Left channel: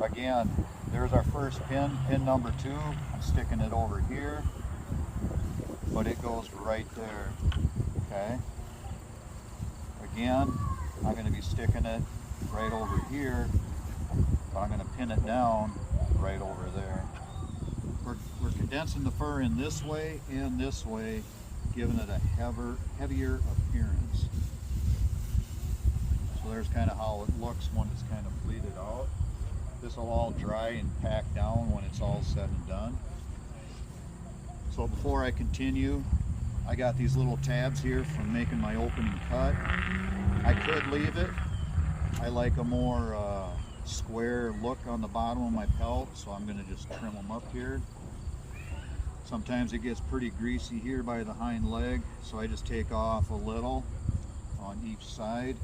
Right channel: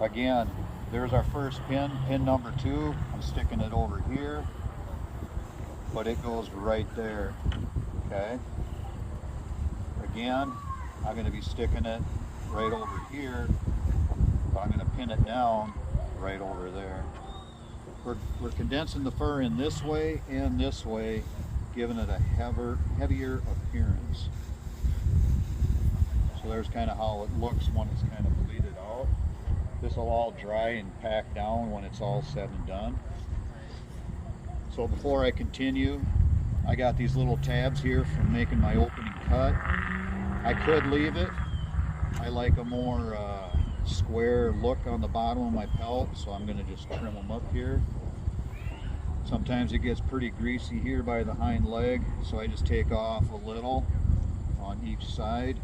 Again, there's our first pin, pin number 2. I'm sticking it over here, but it goes right there, okay? Again, I'm going to be sticking it right over here, but I'm going to pin it down right over there. We're condensing the fur in this way and this way, giving it a heavier appearance. So there's kind of how it looks when it's kind of bleeded out. This will all dry and pack down when it's all said and done. So before I continue, I got these little tabs here from making my opening cut. I could leave it. I like a more square look on the bottom of my pelt, so I'm going to just trim them up here. Sometimes it gets pretty greasy here by the hind leg, so I just take off a little on each side.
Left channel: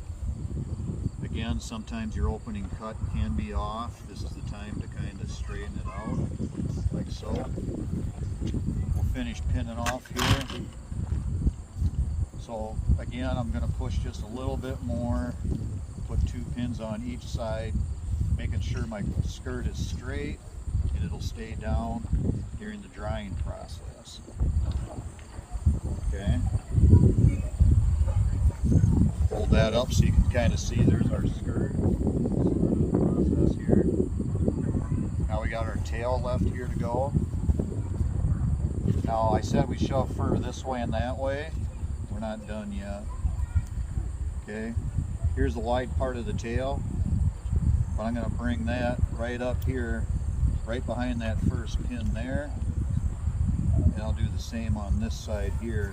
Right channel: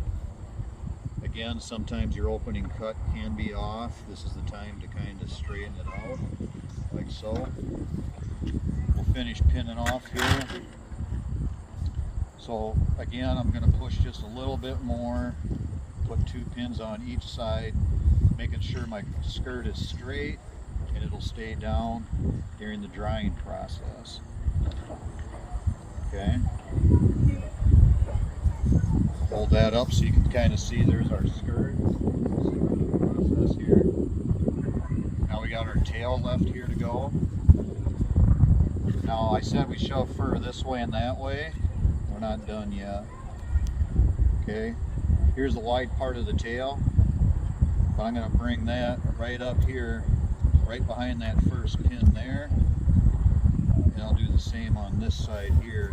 Again, sometimes your opening cut can be off. This is the time to kind of straighten it out, like so. We'll finish pinning off here. So again, I'm going to push just a little bit more, put 2 pins on each side, making sure my skirt is straight, and it'll stay down during the drying process. Okay. Hold that up so you can kind of see there's our skirt. Process here. Now we got our tail left here to go. Now I said we shove fur this way and that way. We're not done yet. Okay, here's the wide part of the tail, but I'm going to bring that right up here, right behind that first pin there, and I'll do the same on this side here.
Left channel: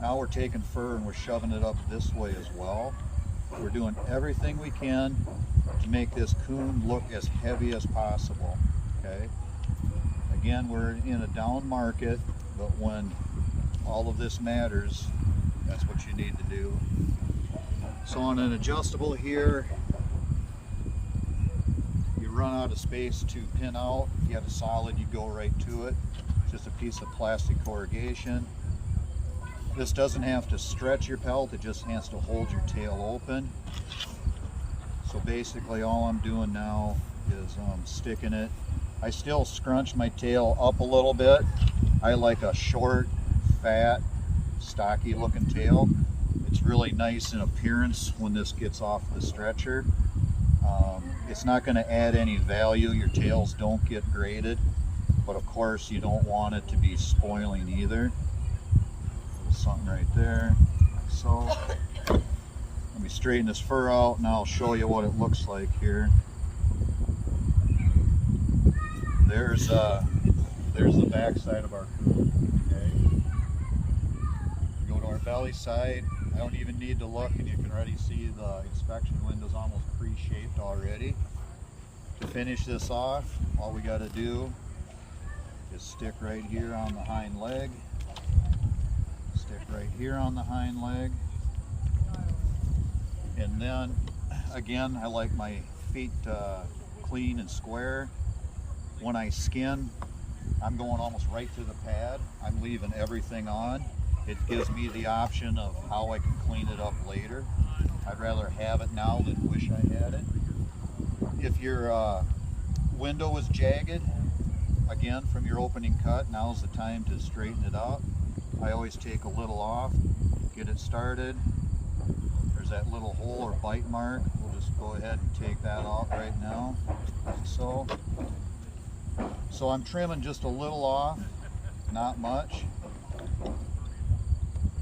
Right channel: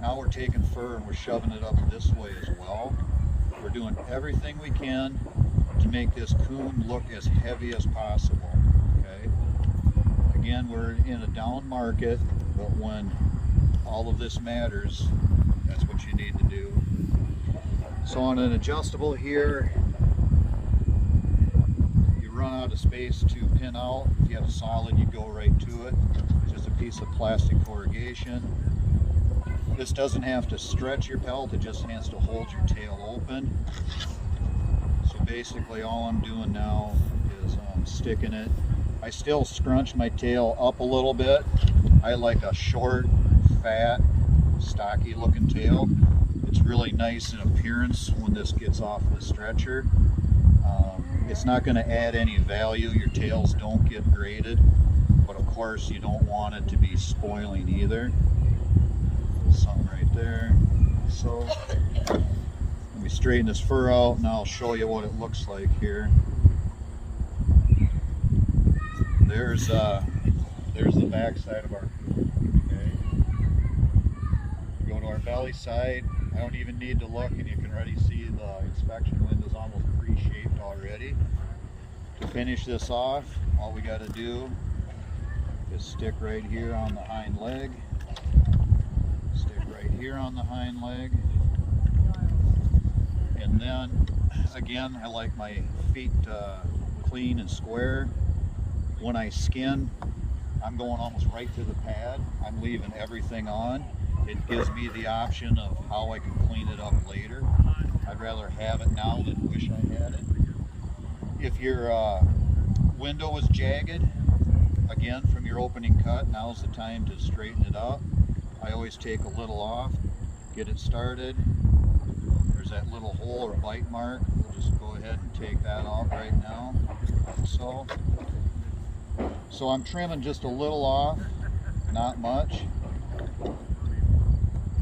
Now we're taking fur and we're shoving it up this way as well. We're doing everything we can to make this coon look as heavy as possible. Okay. Again, we're in a down market, but when all of this matters, that's what you need to do. So on an adjustable here, you run out of space to pin out. If you have a solid, you go right to it. It's just a piece of plastic corrugation. This doesn't have to stretch your pelt, it just has to hold your tail open. So basically all I'm doing now is sticking it. I still scrunch my tail up a little bit. I like a short, fat, stocky looking tail. It's really nice in appearance when this gets off the stretcher. It's not going to add any value. Your tails don't get graded, but of course you don't want it to be spoiling either. Something right there. So let me straighten this fur out and I'll show you what it looks like here. There's the back side of our coon. Okay. Go to our belly side. I don't even need to look, and you can already see the inspection window's almost pre-shaped already. To finish this off, all we got to do is stick right here on the hind leg. Right here on the hind leg, and then again I like my feet clean and square. When I skin, I'm going almost right to the pad. I'm leaving everything on. It gives me the option of how I can clean it up later. I'd rather have it now than wish I had it. If your window was jagged, again from your opening cut, now's the time to straighten it up. I always take a little off, get it started. There's that little hole or bite mark. We'll just go ahead and take that out right now, like so. So I'm trimming just a little off, not much.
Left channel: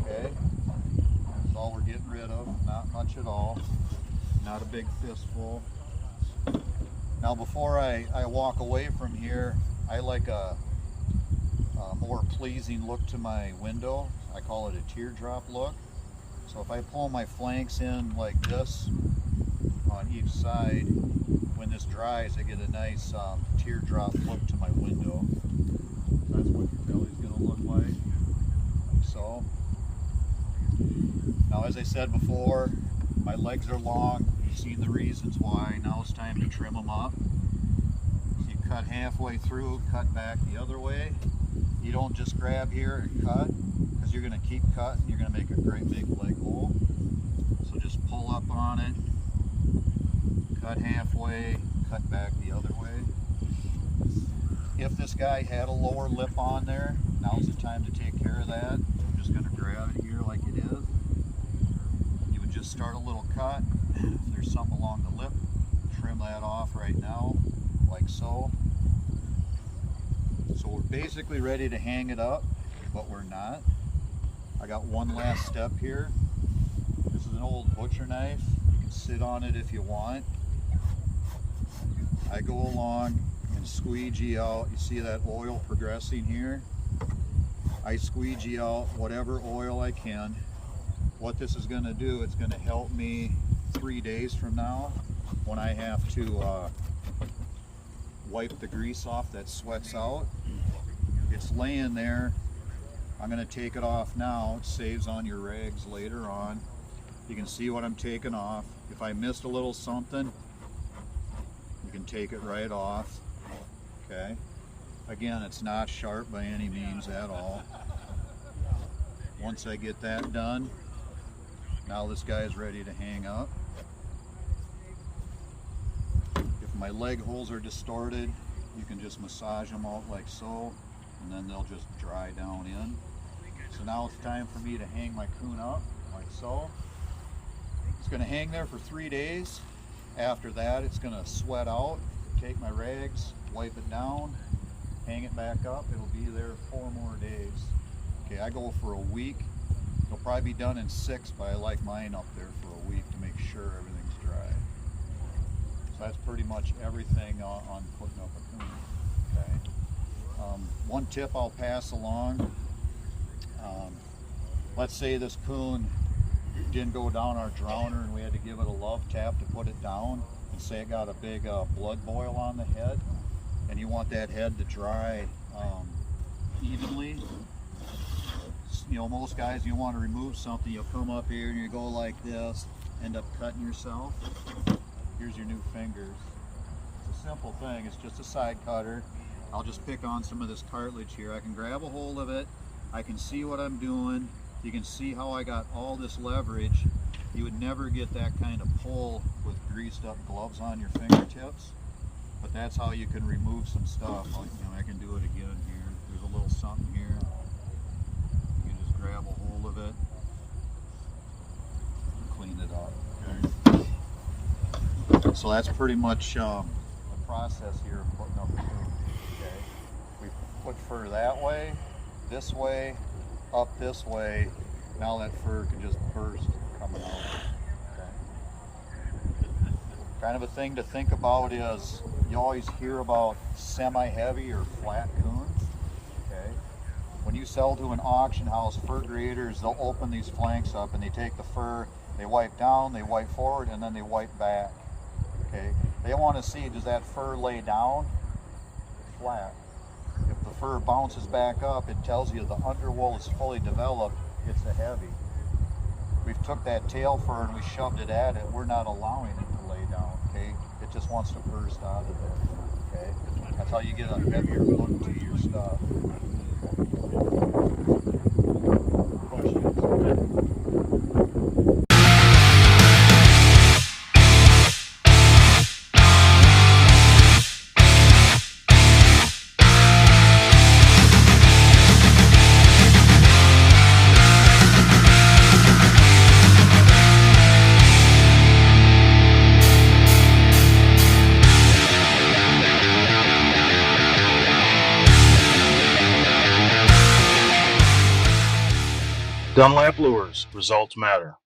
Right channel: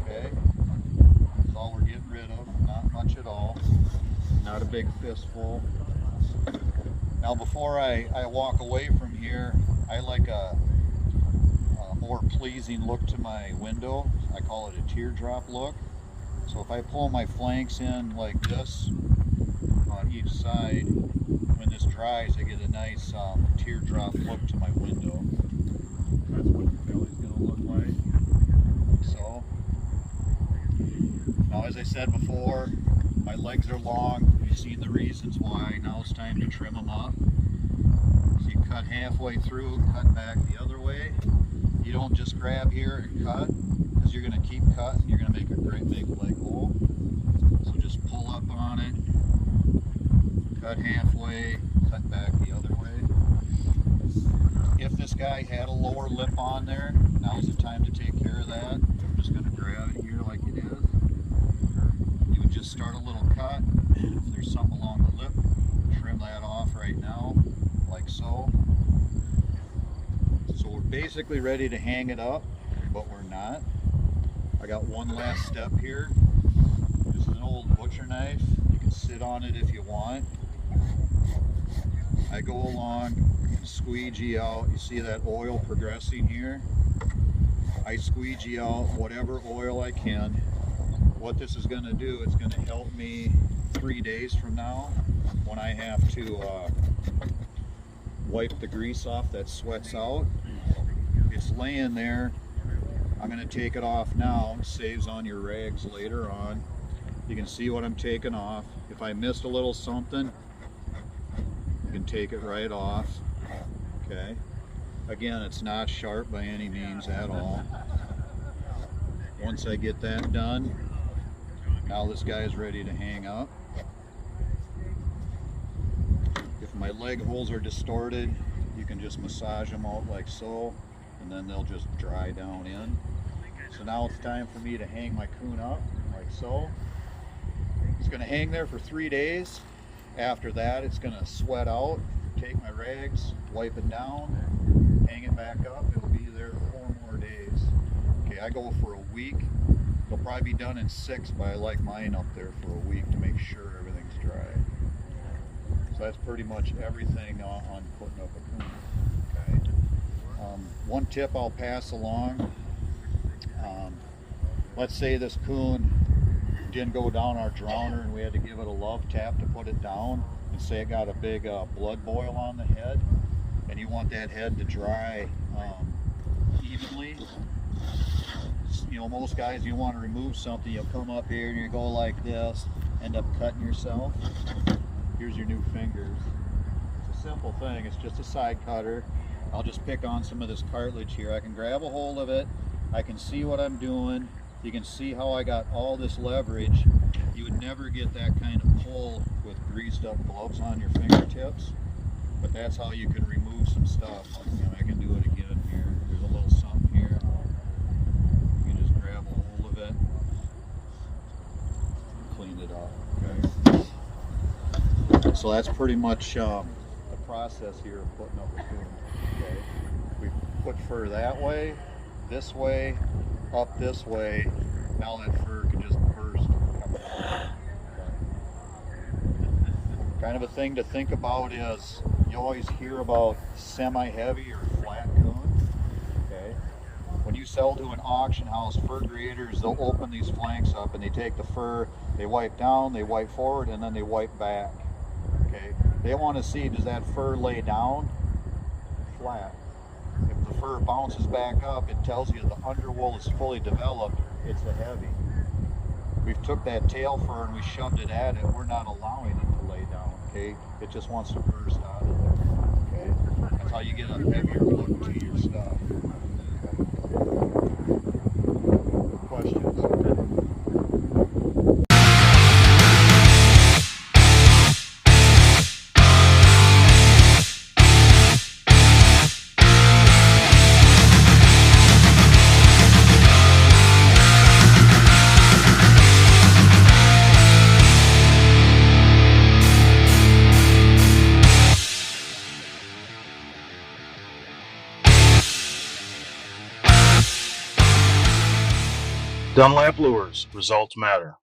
Okay, that's all we're getting rid of, not much at all. Not a big fistful. Now before I walk away from here, I like a more pleasing look to my window. I call it a teardrop look. So if I pull my flanks in like this on each side, when this dries I get a nice teardrop look to my window. That's what the belly's going to look like. So now, as I said before, my legs are long. You've seen the reasons why. Now it's time to trim them up. So you cut halfway through, cut back the other way. You don't just grab here and cut, because you're going to keep cutting. You're going to make a great big leg hole. So just pull up on it, cut halfway, cut back guy had a lower lip on there. Now's the time to take care of that. I'm just going to grab it here like it is. You would just start a little cut. If there's something along the lip, trim that off right now, like so. So we're basically ready to hang it up, but we're not. I got one last step here. This is an old butcher knife. You can sit on it if you want. I go along and squeegee out. You see that oil progressing here? I squeegee out whatever oil I can. What this is going to do, it's going to help me 3 days from now when I have to wipe the grease off that sweats out. It's laying there. I'm going to take it off now. It saves on your rags later on. You can see what I'm taking off. If I missed a little something, you can take it right off. Okay. Again, it's not sharp by any means at all. Once I get that done, now this guy is ready to hang up. If my leg holes are distorted, you can just massage them out like so, and then they'll just dry down in. So now it's time for me to hang my coon up like so. It's going to hang there for 3 days. After that, it's going to sweat out. Take my rags, wipe it down, hang it back up. It'll be there 4 more days. Okay, I go for a week. It'll probably be done in 6, but I like mine up there for a week to make sure everything's dry. So that's pretty much everything on putting up a coon. Okay. One tip I'll pass along. Let's say this coon didn't go down our drowner and we had to give it a love tap to put it down, and say it got a big blood boil on the head, and you want that head to dry evenly. You know, most guys, you want to remove something, you'll come up here and you go like this, end up cutting yourself. Here's your new fingers. It's a simple thing. It's just a side cutter. I'll just pick on some of this cartilage here. I can grab a hold of it. I can see what I'm doing. You can see how I got all this leverage. You would never get that kind of pull with greased up gloves on your fingertips, but that's how you can remove some stuff. Like, you know, I can do it again here. There's a little something here. You can just grab a hold of it and clean it up. Okay. So that's pretty much the process here of putting up the coon. Okay. We put fur that way, this way, up this way. Now that fur can just burst. Kind of a thing to think about is you always hear about semi-heavy or flat coon. Okay. When you sell to an auction house, fur graders, they'll open these flanks up and they take the fur, they wipe down, they wipe forward, and then they wipe back. Okay. They want to see, does that fur lay down or flat? If the fur bounces back up, it tells you the underwool is fully developed. It's a heavy. We've took that tail fur and we shoved it at it. We're not allowing it to lay down. Okay, it just wants to burst out of there. Okay, that's how you get a heavier look to your stuff. Questions? Dunlap Lures, results matter.